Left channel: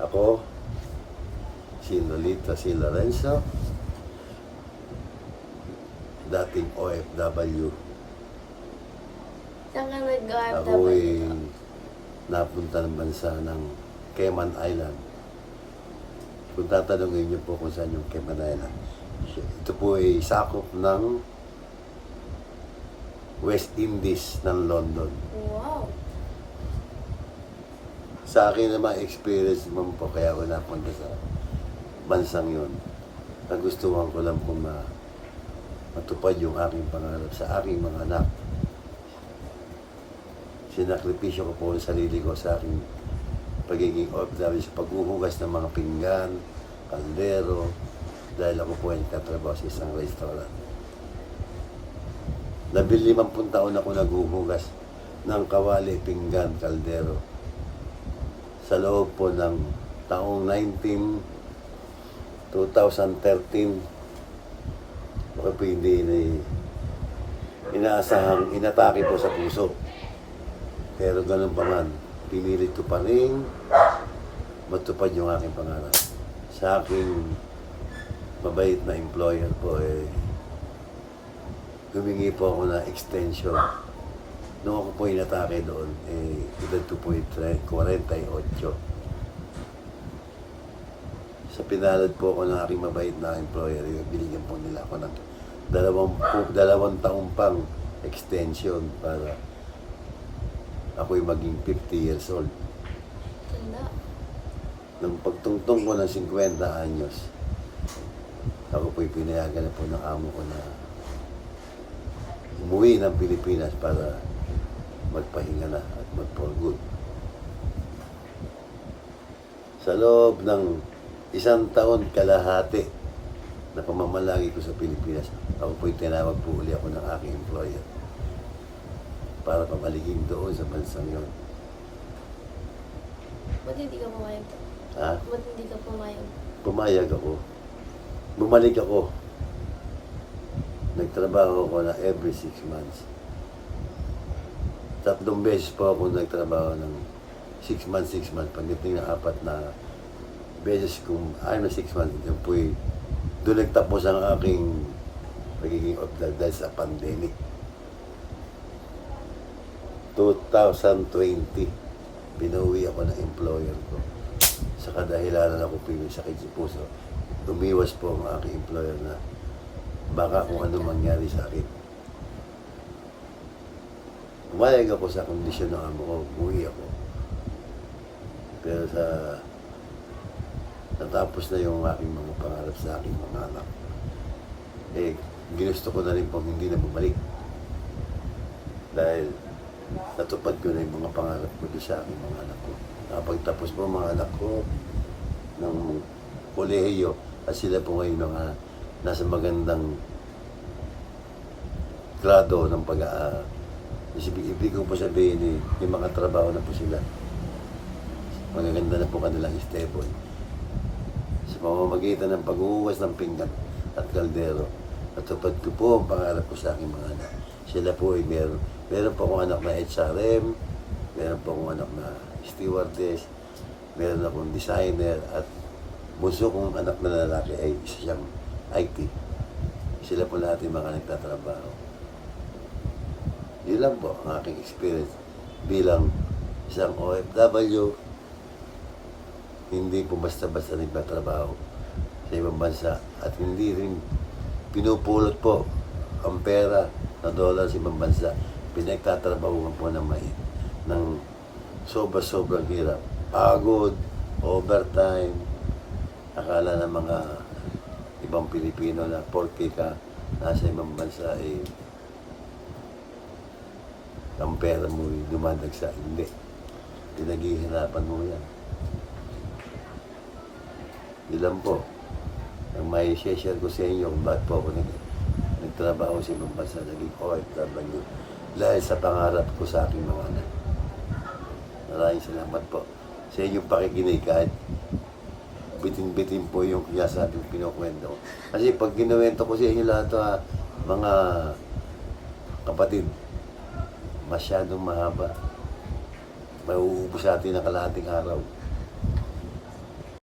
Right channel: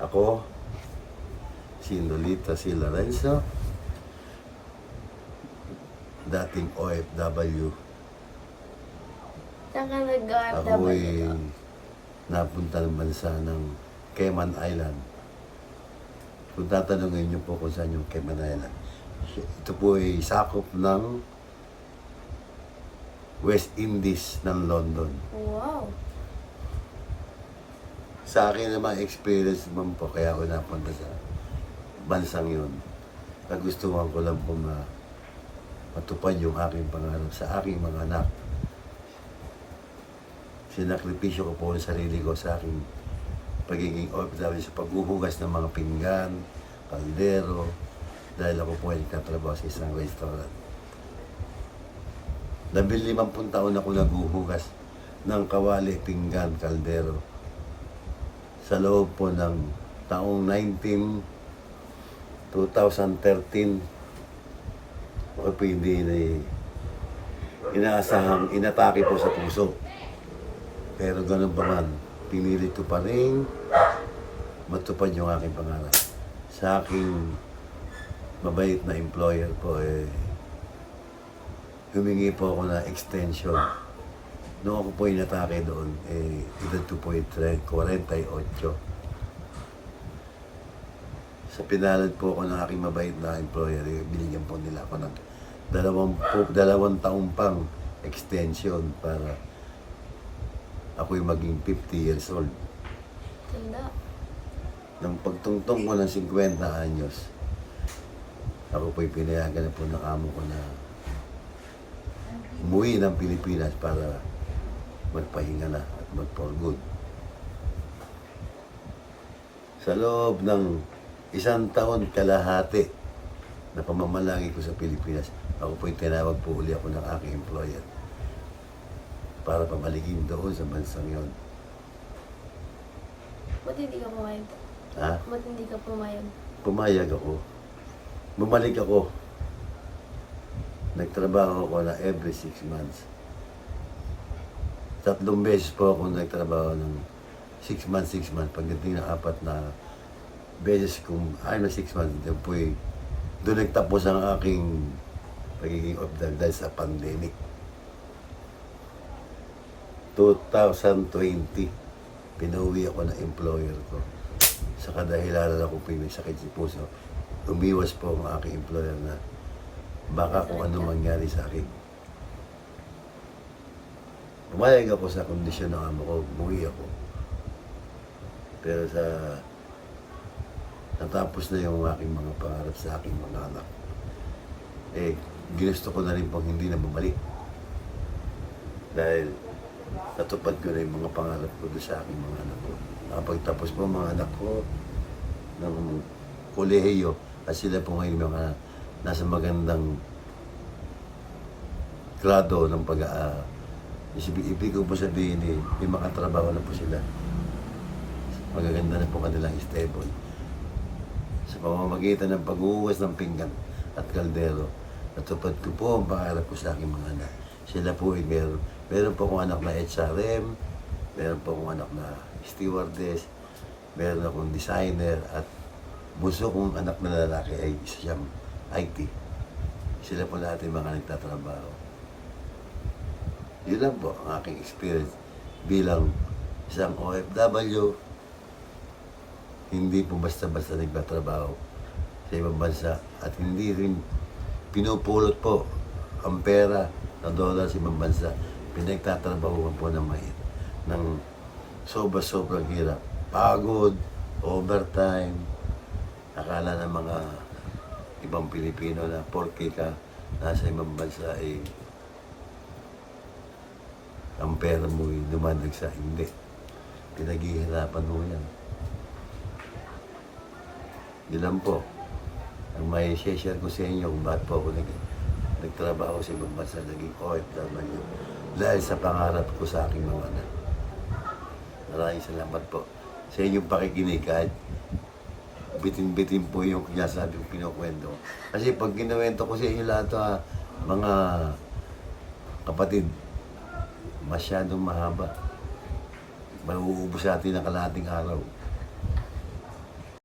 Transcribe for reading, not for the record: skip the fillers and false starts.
Ako, si Lolita C. Lorenzo, dating OFW. Saan ka nag-OFW? Ako ay napunta ng bansa ng Cayman Island. Kung tatanungin niyo po kung saan yung Cayman Island, ito po ay sakop ng West Indies ng London. Wow. Sa akin naman, experience naman po, kaya ako napunta sa bansang yun. Nagustuhan ko lang po matupad yung aking pangarap sa aking mga anak. Sinakripisyo ko po ang sarili ko sa aking pagiging OFW sa paghuhugas ng mga pinggan, kaldero, dahil ako po ay nagtatrabaho sa isang restaurant. 15 taon ako naghuhugas ng kawali, pinggan, kaldero. Sa loob po ng taong 2013, baka po hindi inaasahang inatake po sa puso. Pero ganun pa man, pinilit ko pa rin matupad yung aking pangarap. Sa aking mabait na employer po, humingi po ako na extension. Noong ako po inatake doon, edad ko po 48. Sa pinalad po ako ng aking mabait na employer, binigyan po nila ako ng 2 taong pang extension para ako'y maging 50 years old. Tanda. Nang pagtungtong ko ng 50 anyos, ako po'y pinayagan na po ng amo ko na umuwi ng Pilipinas para magpahinga na at mag-for good. Sa loob ng 1 taon kalahati na pamamalagi ko sa Pilipinas, ako po'y tinawag po uli ako ng aking employer para pamaliging doon sa bansang yon. Ba't hindi ka pumayag? Ha? Ba't hindi ka pumayag? Pumayag ako. Bumalik ako. Nagtrabaho ako na every 6 months. 3 beses po ako nagtrabaho ng 6 months. Pagdating ng 4 na beses kung ay na 6 months, doon nagtapos ang aking pagiging OFW dahil sa pandemic. 2020, pinauwi ako ng employer ko. Sa kadahilanan ako po yung sakit sa puso. Umiwas po ang aking employer na baka kung ano mangyari sa akin. Pumayag ako sa kondisyon ng amo ko, umuwi ako. Pero natapos na yung aking mga pangarap sa aking mga anak. Ginusto ko na rin pong hindi na bumalik. Dahil natupad ko na yung mga pangarap ko doon sa aking mga anak ko. Nakapagtapos po mga anak ko ng kolehiyo at sila po ngayon mga nasa magandang grado ng ibig ko po sabihin may makatrabaho na po sila. Magaganda na po kanilang stable. Sa pamamagitan ng paghuhugas ng pinggan at kaldero, natupad ko po ang pangarap ko sa aking mga anak. Sila po ay meron po akong anak na HRM, meron po akong anak na stewardess, meron akong designer, at bunso kong anak na lalaki ay isa siyang IT. Sila po lahat yung mga nagtatrabaho. Yun lang po ang aking experience bilang isang OFW. Hindi po basta-basta nagtatrabaho sa ibang bansa at hindi rin pinupulot po ang pera na dolar sa ibang bansa. Pinagtatrabahuan po ng sobrang hirap. Pagod, overtime. Akala ng mga ibang Pilipino na porke ka nasa ibang bansa ang pera mo lumanagsa. Hindi. Pinaghihirapan mo yan. Yun lang po. Ang may share ko sa inyo kung bakit po ako nagtrabaho sa ibang bansa, naging OFW. Dahil sa pangarap ko sa aking mga anak. Maraming salamat po sa inyong pakikinig kahit bitin-bitin po yung sinasabi kong pinukwento. Kasi pag kinuwento ko sa inyo lahat mga kapatid, masyadong mahaba. Mauubos natin ang kalahating araw.